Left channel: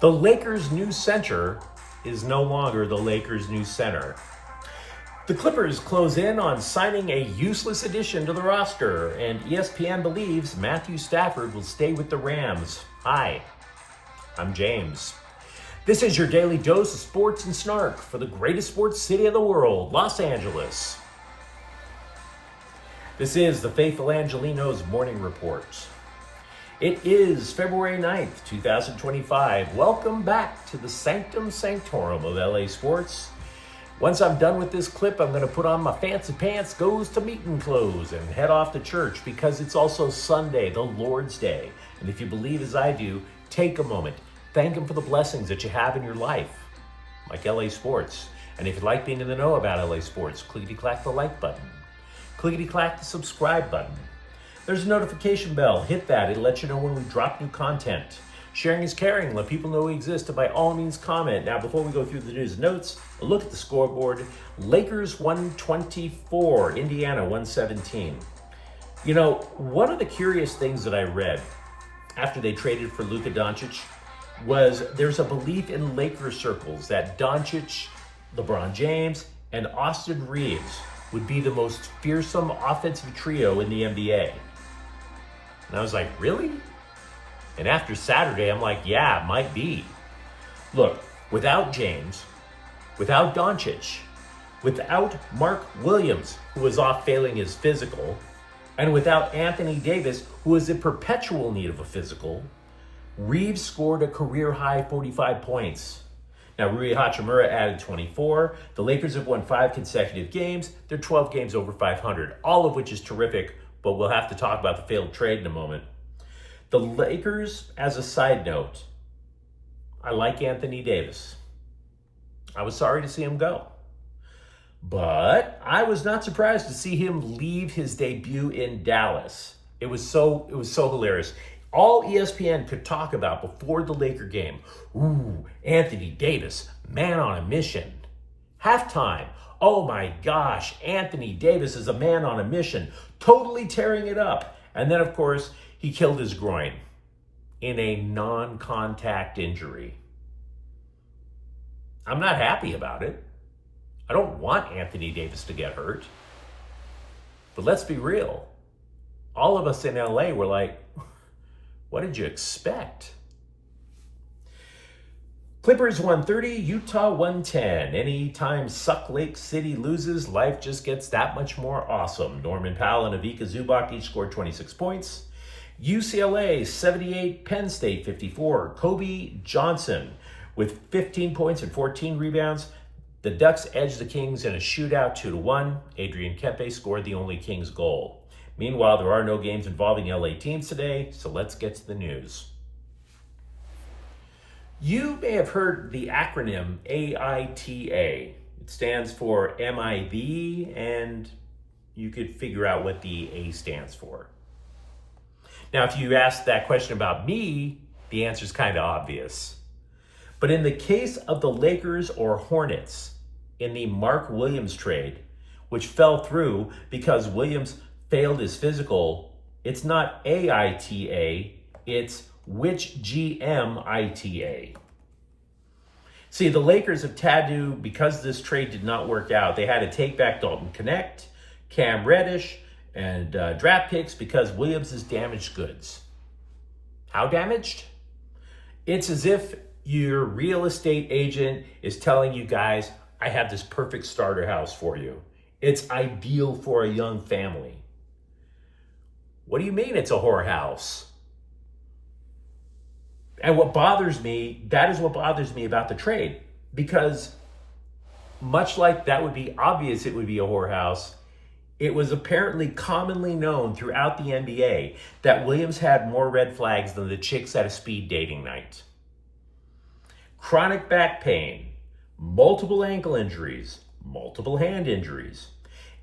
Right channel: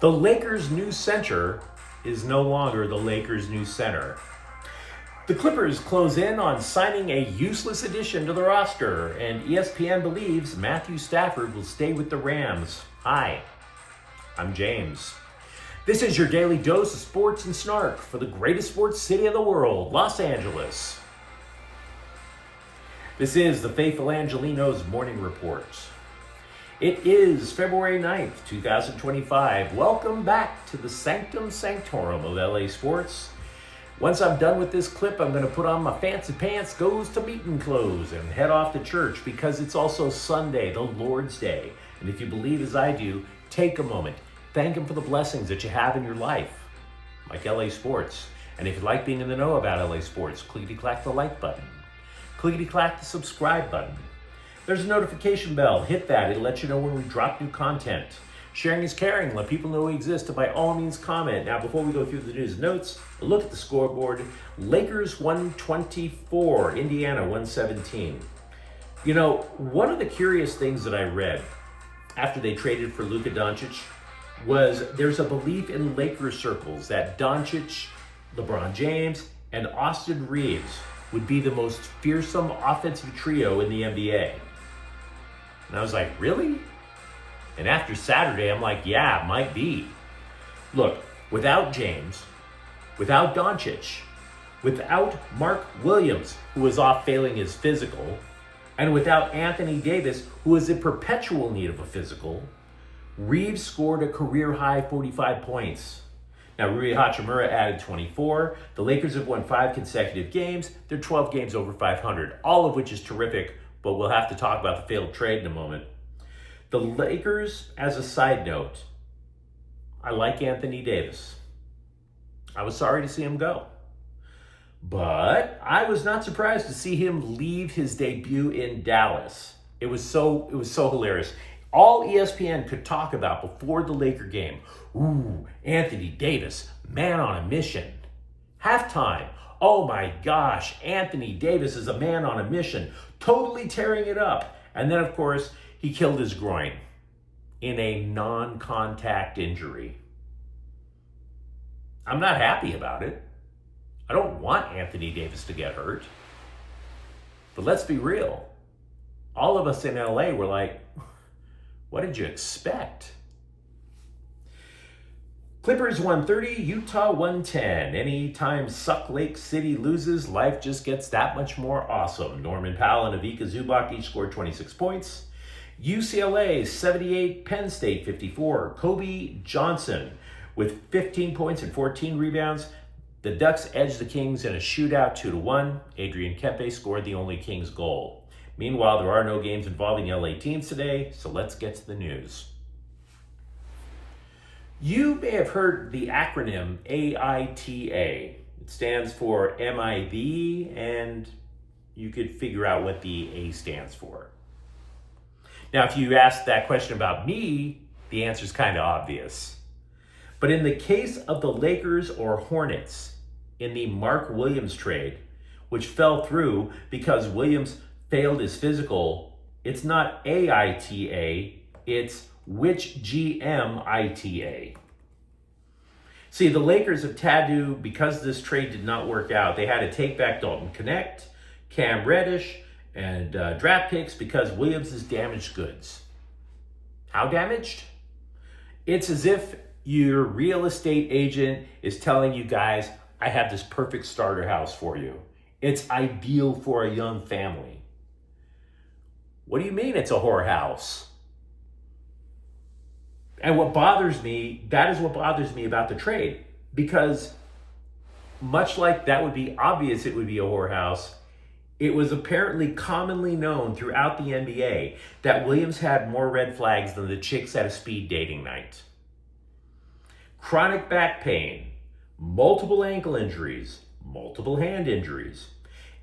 The Lakers' new center is no longer the Lakers' new center. The Clippers close in on signing a useless addition to the roster, and ESPN believes Matthew Stafford will stay with the Rams. Hi, I'm James. This is your daily dose of sports and snark for the greatest sports city in the world, Los Angeles. This is the faithful Angelenos Morning Report. It is February 9th, 2025. Welcome back to the Sanctum Sanctorum of LA Sports. Once I'm done with this clip, I'm going to put on my fancy pants, goes to meeting clothes, and head off to church because it's also Sunday, the Lord's Day. And if you believe as I do, take a moment. Thank Him for the blessings that you have in your life, like LA Sports. And if you'd like being in the know about LA Sports, clickety-clack the like button. Clickety-clack the subscribe button. There's a notification bell. Hit that. It'll let you know when we drop new content. Sharing is caring. Let people know we exist, and by all means comment. Now, before we go through the news notes, a look at the scoreboard. Lakers 124, Indiana 117. You know, one of the curious things that I read after they traded for Luka Doncic was there's a belief in Lakers circles that Doncic, LeBron James, and Austin Reeves would be the most fearsome offensive trio in the NBA. And I was like, really? And after Saturday, I'm like, yeah, might be. Look, without James, without Doncic, without Mark Williams, who was off failing his physical, and without Anthony Davis, who is in perpetual need of a physical, Reeves scored a career-high 45 points. Now, Rui Hachimura added 24. The Lakers have won 5 consecutive games. They're 12 games over 500, all of which is terrific, but we'll have to talk about the failed trade in a moment. The Lakers, as a side note, I like Anthony Davis. I was sorry to see him go. But I was not surprised to see him leave his debut in Dallas. It was so hilarious. All ESPN could talk about before the Laker game, ooh, Anthony Davis, man on a mission. Halftime, oh my gosh, Anthony Davis is a man on a mission, totally tearing it up. And then, of course, he killed his groin in a non-contact injury. I'm not happy about it. I don't want Anthony Davis to get hurt. But let's be real. All of us in LA were like, what did you expect? Clippers 130, Utah 110. Anytime Suck Lake City loses, life just gets that much more awesome. Norman Powell and Ivica Zubac each scored 26 points. UCLA 78, Penn State 54. Kobe Johnson with 15 points and 14 rebounds. The Ducks edged the Kings in a shootout 2-1. Adrian Kempe scored the only Kings goal. Meanwhile, there are no games involving LA teams today, so let's get to the news. You may have heard the acronym AITA. It stands for MIB, and you could figure out what the A stands for. Now, if you ask that question about me, the answer is kind of obvious. But in the case of the Lakers or Hornets in the Mark Williams trade, which fell through because Williams failed his physical, it's not AITA, it's which GMITA. See, the Lakers have had to, because this trade did not work out, they had to take back Dalton Connect, Cam Reddish, and draft picks because Williams is damaged goods. How damaged? It's as if your real estate agent is telling you guys, I have this perfect starter house for you. It's ideal for a young family. What do you mean it's a whorehouse? And what bothers me, that is what bothers me about the trade. Because much like that would be obvious it would be a whorehouse, it was apparently commonly known throughout the NBA that Williams had more red flags than the chicks at a speed dating night. Chronic back pain, multiple ankle injuries, multiple hand injuries.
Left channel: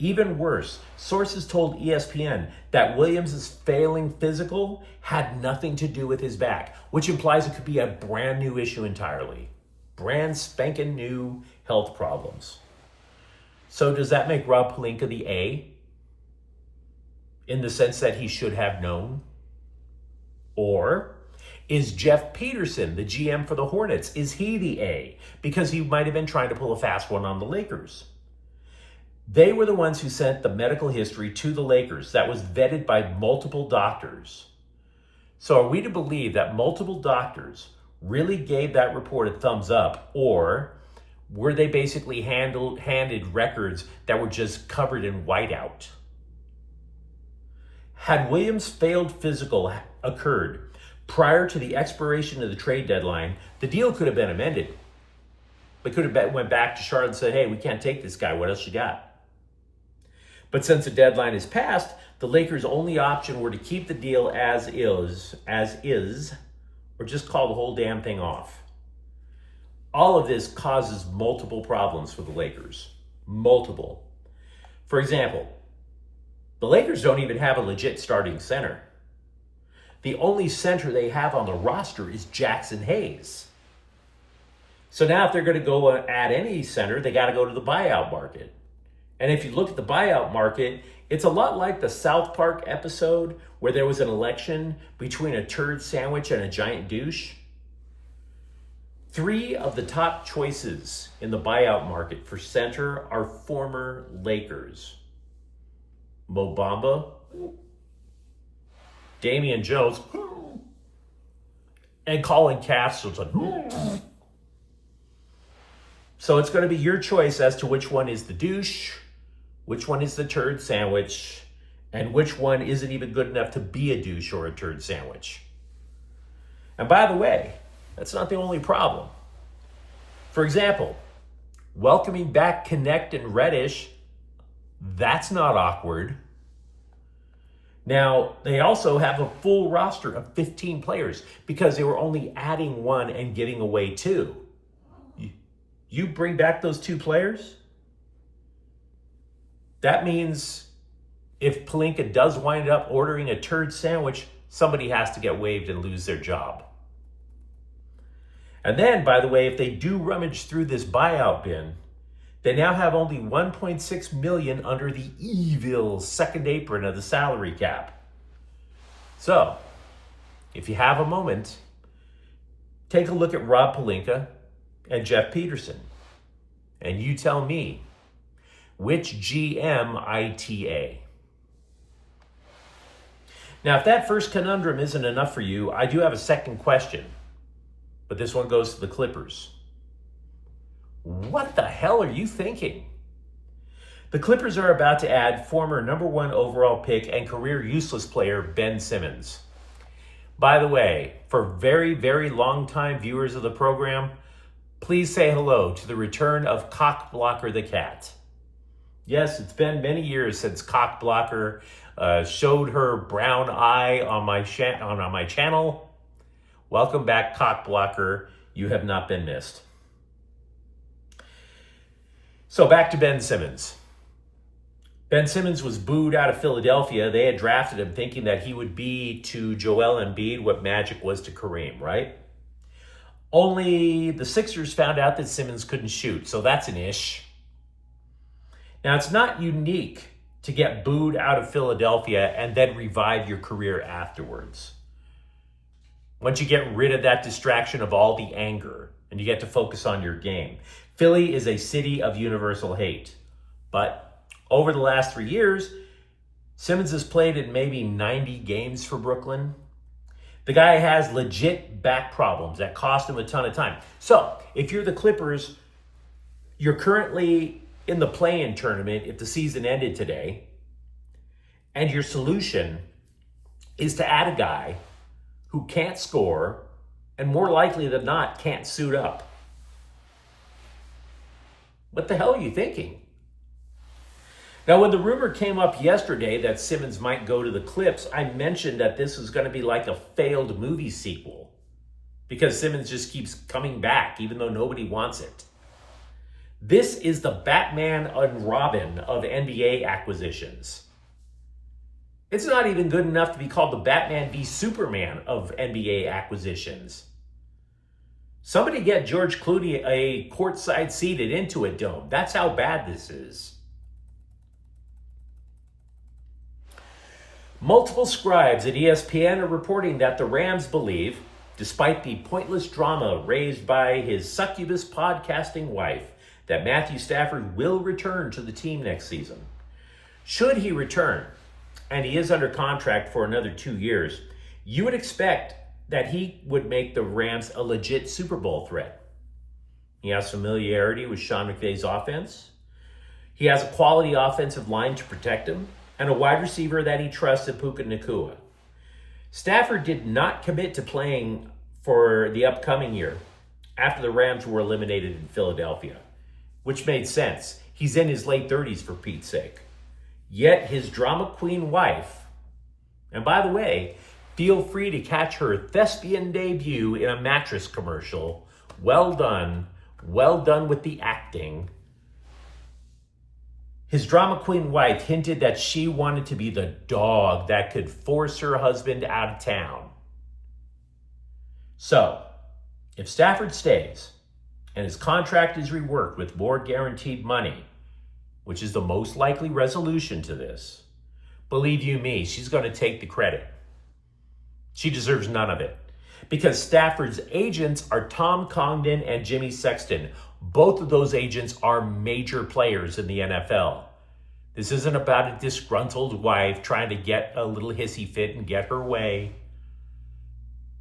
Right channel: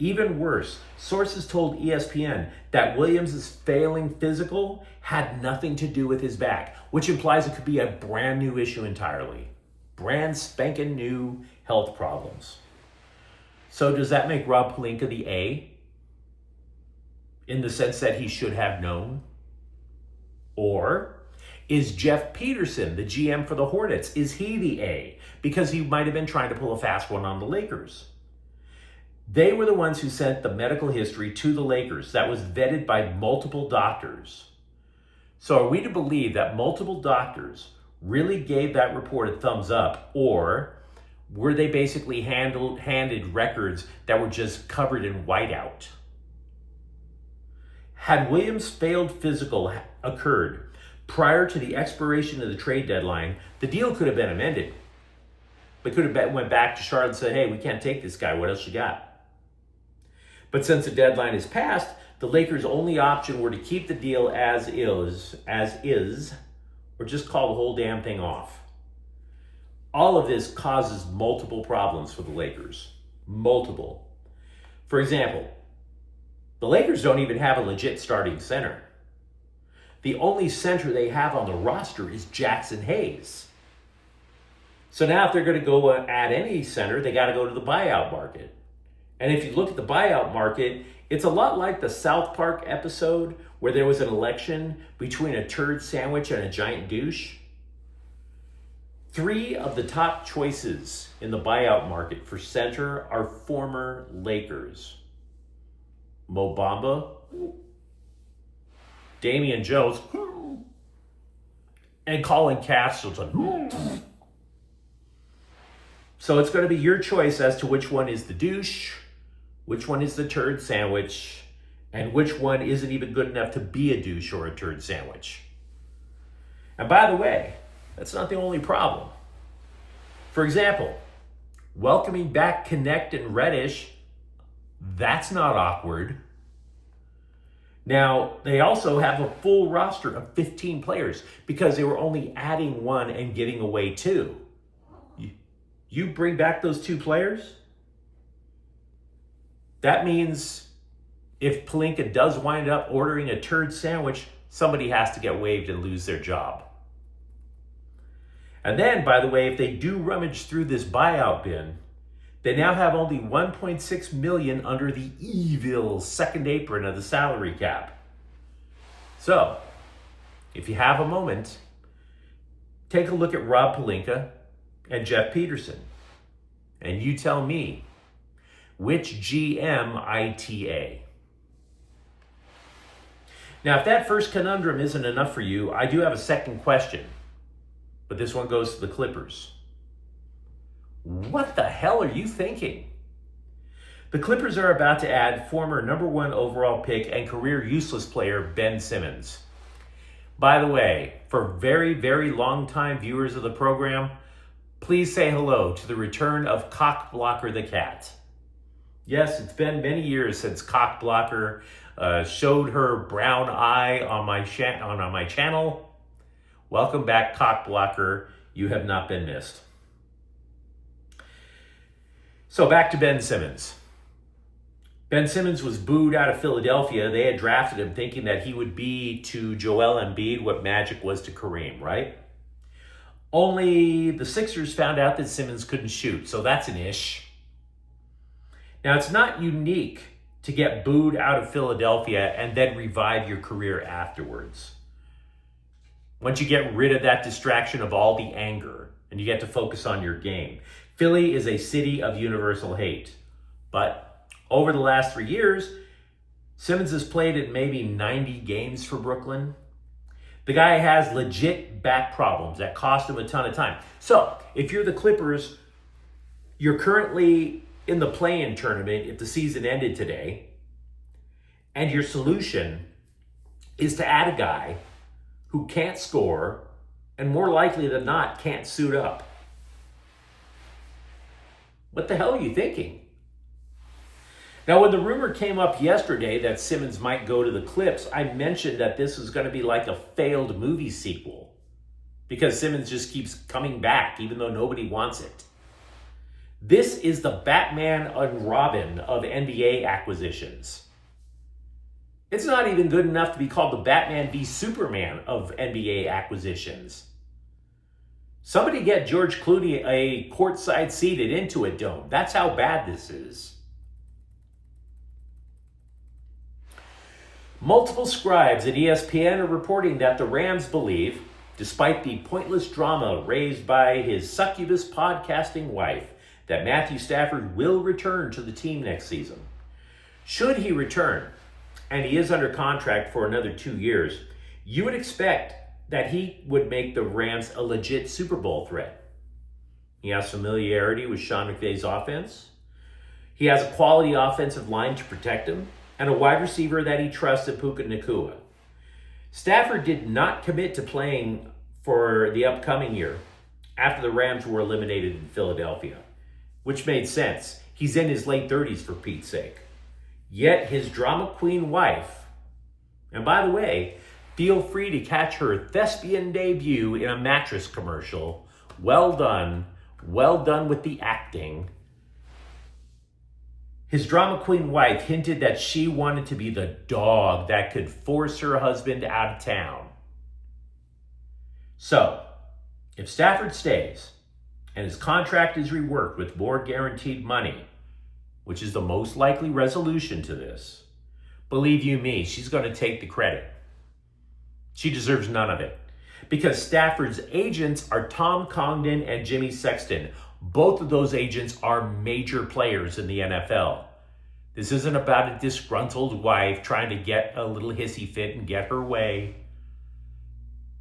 Even worse, sources told ESPN that Williams' failing physical had nothing to do with his back, which implies it could be a brand new issue entirely. Brand spanking new health problems. So does that make Rob Pelinka the A? In the sense that he should have known? Or Is Jeff Peterson, the GM for the Hornets, is he the A? Because he might have been trying to pull a fast one on the Lakers. They were the ones who sent the medical history to the Lakers that was vetted by multiple doctors. So are we to believe that multiple doctors really gave that report a thumbs up, or were they basically handed records that were just covered in whiteout? Had Williams' failed physical occurred prior to the expiration of the trade deadline, the deal could have been amended. They could have went back to Charlotte and said, hey, we can't take this guy. What else you got? But since the deadline is passed, the Lakers' only option were to keep the deal as is, or just call the whole damn thing off. All of this causes multiple problems for the Lakers. Multiple. For example, the Lakers don't even have a legit starting center. The only center they have on the roster is Jackson Hayes. So now if they're going to go add any center, they got to go to the buyout market. And if you look at the buyout market, it's a lot like the South Park episode where there was an election between a turd sandwich and a giant douche. 3 of the top choices in the buyout market for center are former Lakers. Mo Bamba, Damian Jones, and Colin Castleton. So it's going to be your choice as to which one is the douche, which one is the turd sandwich, and which one isn't even good enough to be a douche or a turd sandwich. And by the way, that's not the only problem. For example, welcoming back Connect and Reddish, that's not awkward. Now, they also have a full roster of 15 players because they were only adding 1 and giving away 2. You bring back those 2 players? That means if Pelinka does wind up ordering a turd sandwich, somebody has to get waived and lose their job. And then, by the way, if they do rummage through this buyout bin, they now have only $1.6 million under the evil second apron of the salary cap. So, if you have a moment, take a look at Rob Pelinka and Jeff Peterson, and you tell me, which GM ITA? Now, if that first conundrum isn't enough for you, I do have a second question, but this one goes to the Clippers. What the hell are you thinking? The Clippers are about to add former number 1 overall pick and career useless player Ben Simmons. By the way, for very, very long-time viewers of the program, please say hello to the return of Cockblocker the Cat. Yes, it's been many years since Cockblocker showed her brown eye on my channel. Welcome back, Cockblocker. You have not been missed. So back to Ben Simmons. Ben Simmons was booed out of Philadelphia. They had drafted him thinking that he would be to Joel Embiid what Magic was to Kareem, right? Only the Sixers found out that Simmons couldn't shoot, so that's an ish. Now, it's not unique to get booed out of Philadelphia and then revive your career afterwards. Once you get rid of that distraction of all the anger and you get to focus on your game. Philly is a city of universal hate. But over the last 3 years, Simmons has played in maybe 90 games for Brooklyn. The guy has legit back problems that cost him a ton of time. So, if you're the Clippers, you're currently in the play-in tournament if the season ended today, and your solution is to add a guy who can't score and more likely than not can't suit up. What the hell are you thinking? Now, when the rumor came up yesterday that Simmons might go to the Clips, I mentioned that this was going to be like a failed movie sequel because Simmons just keeps coming back even though nobody wants it. This is the Batman and Robin of NBA acquisitions. It's not even good enough to be called the Batman v Superman of NBA acquisitions. Somebody get George Clooney a courtside seat at Intuit Dome. That's how bad this is. Multiple scribes at ESPN are reporting that the Rams believe despite the pointless drama raised by his succubus podcasting wife, that Matthew Stafford will return to the team next season. Should he return, and he is under contract for another 2 years, you would expect that he would make the Rams a legit Super Bowl threat. He has familiarity with Sean McVay's offense. He has a quality offensive line to protect him, and a wide receiver that he trusts in Puka Nacua. Stafford did not commit to playing for the upcoming year after the Rams were eliminated in Philadelphia, which made sense. He's in his late 30s, for Pete's sake. Yet his drama queen wife, and by the way, feel free to catch her thespian debut in a mattress commercial. Well done with the acting. His drama queen wife hinted that she wanted to be the dog that could force her husband out of town. So, if Stafford stays and his contract is reworked with more guaranteed money, which is the most likely resolution to this, believe you me, she's going to take the credit. She deserves none of it. Because Stafford's agents are Tom Congdon and Jimmy Sexton. Both of those agents are major players in the NFL. This isn't about a disgruntled wife trying to get a little hissy fit and get her way.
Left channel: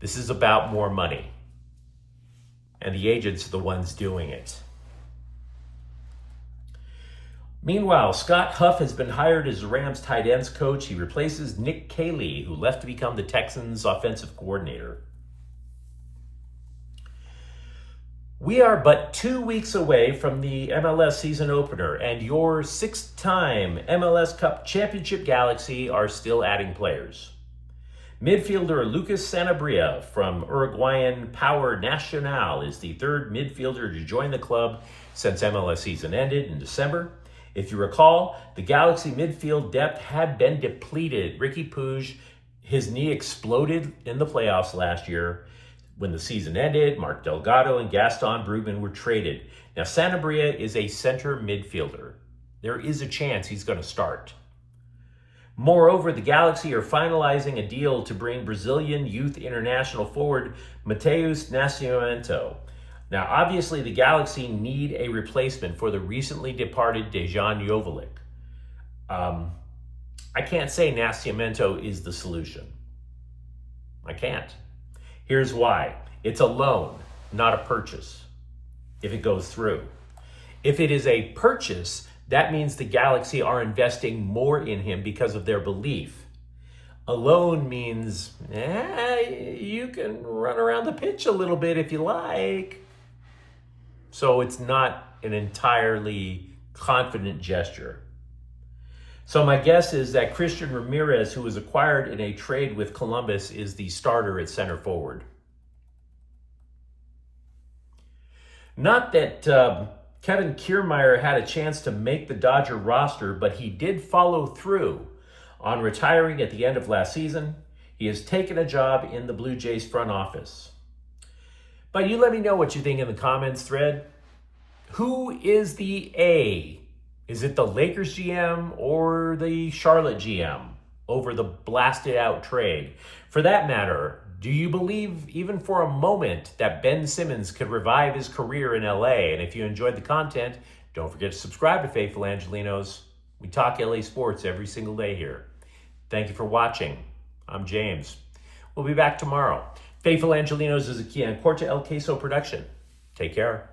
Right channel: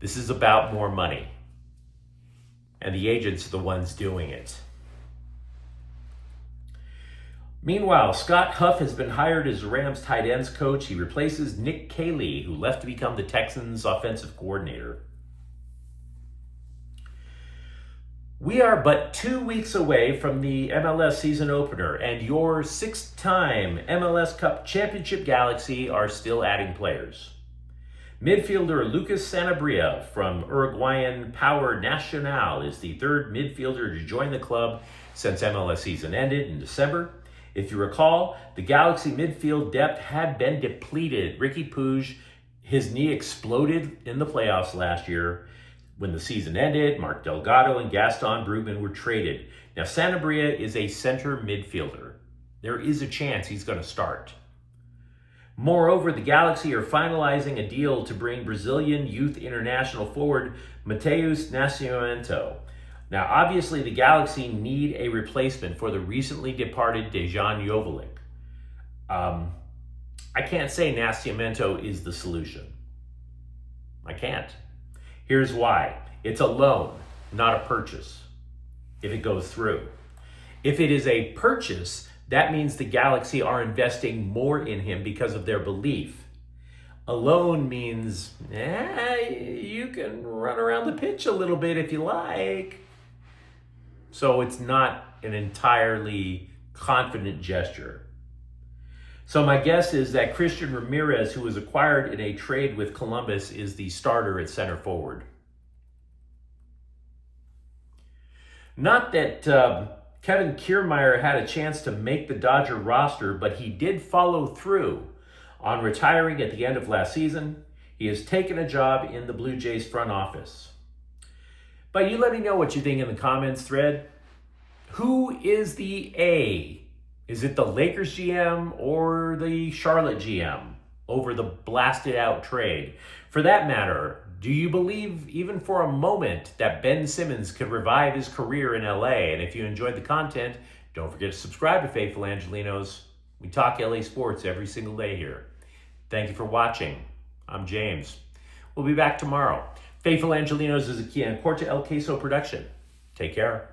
This is about more money. And the agents are the ones doing it. Meanwhile, Scott Huff has been hired as the Rams tight ends coach. He replaces Nick Caley, who left to become the Texans offensive coordinator. We are but 2 weeks away from the MLS season opener, and your 6-time MLS Cup championship Galaxy are still adding players. Midfielder Lucas Sanabria from Uruguayan Power Nacional is the third midfielder to join the club since MLS season ended in December. If you recall, the Galaxy midfield depth had been depleted. Ricky Puig, his knee exploded in the playoffs last year. When the season ended, Mark Delgado and Gaston Brugman were traded. Now, Sanabria is a center midfielder. There is a chance he's going to start. Moreover, the Galaxy are finalizing a deal to bring Brazilian youth international forward Matheus Nascimento. Now, obviously, the Galaxy need a replacement for the recently departed Dejan Joveljic. I can't say Nascimento is the solution. I can't. Here's why. It's a loan, not a purchase, if it goes through. If it is a purchase, that means the Galaxy are investing more in him because of their belief. A loan means, you can run around the pitch a little bit if you like. So it's not an entirely confident gesture. So my guess is that Christian Ramirez, who was acquired in a trade with Columbus, is the starter at center forward. Not that Kevin Kiermaier had a chance to make the Dodger roster, but he did follow through on retiring at the end of last season. He has taken a job in the Blue Jays front office. But you let me know what you think in the comments thread. Who is the A? Is it the Lakers GM or the Charlotte GM over the blasted out trade? For that matter, do you believe even for a moment that Ben Simmons could revive his career in LA? And if you enjoyed the content, don't forget to subscribe to Faithful Angelenos. We talk LA sports every single day here. Thank you for watching. I'm James. We'll be back tomorrow. Faithful Angelenos is a Kian Corta El Queso production. Take care.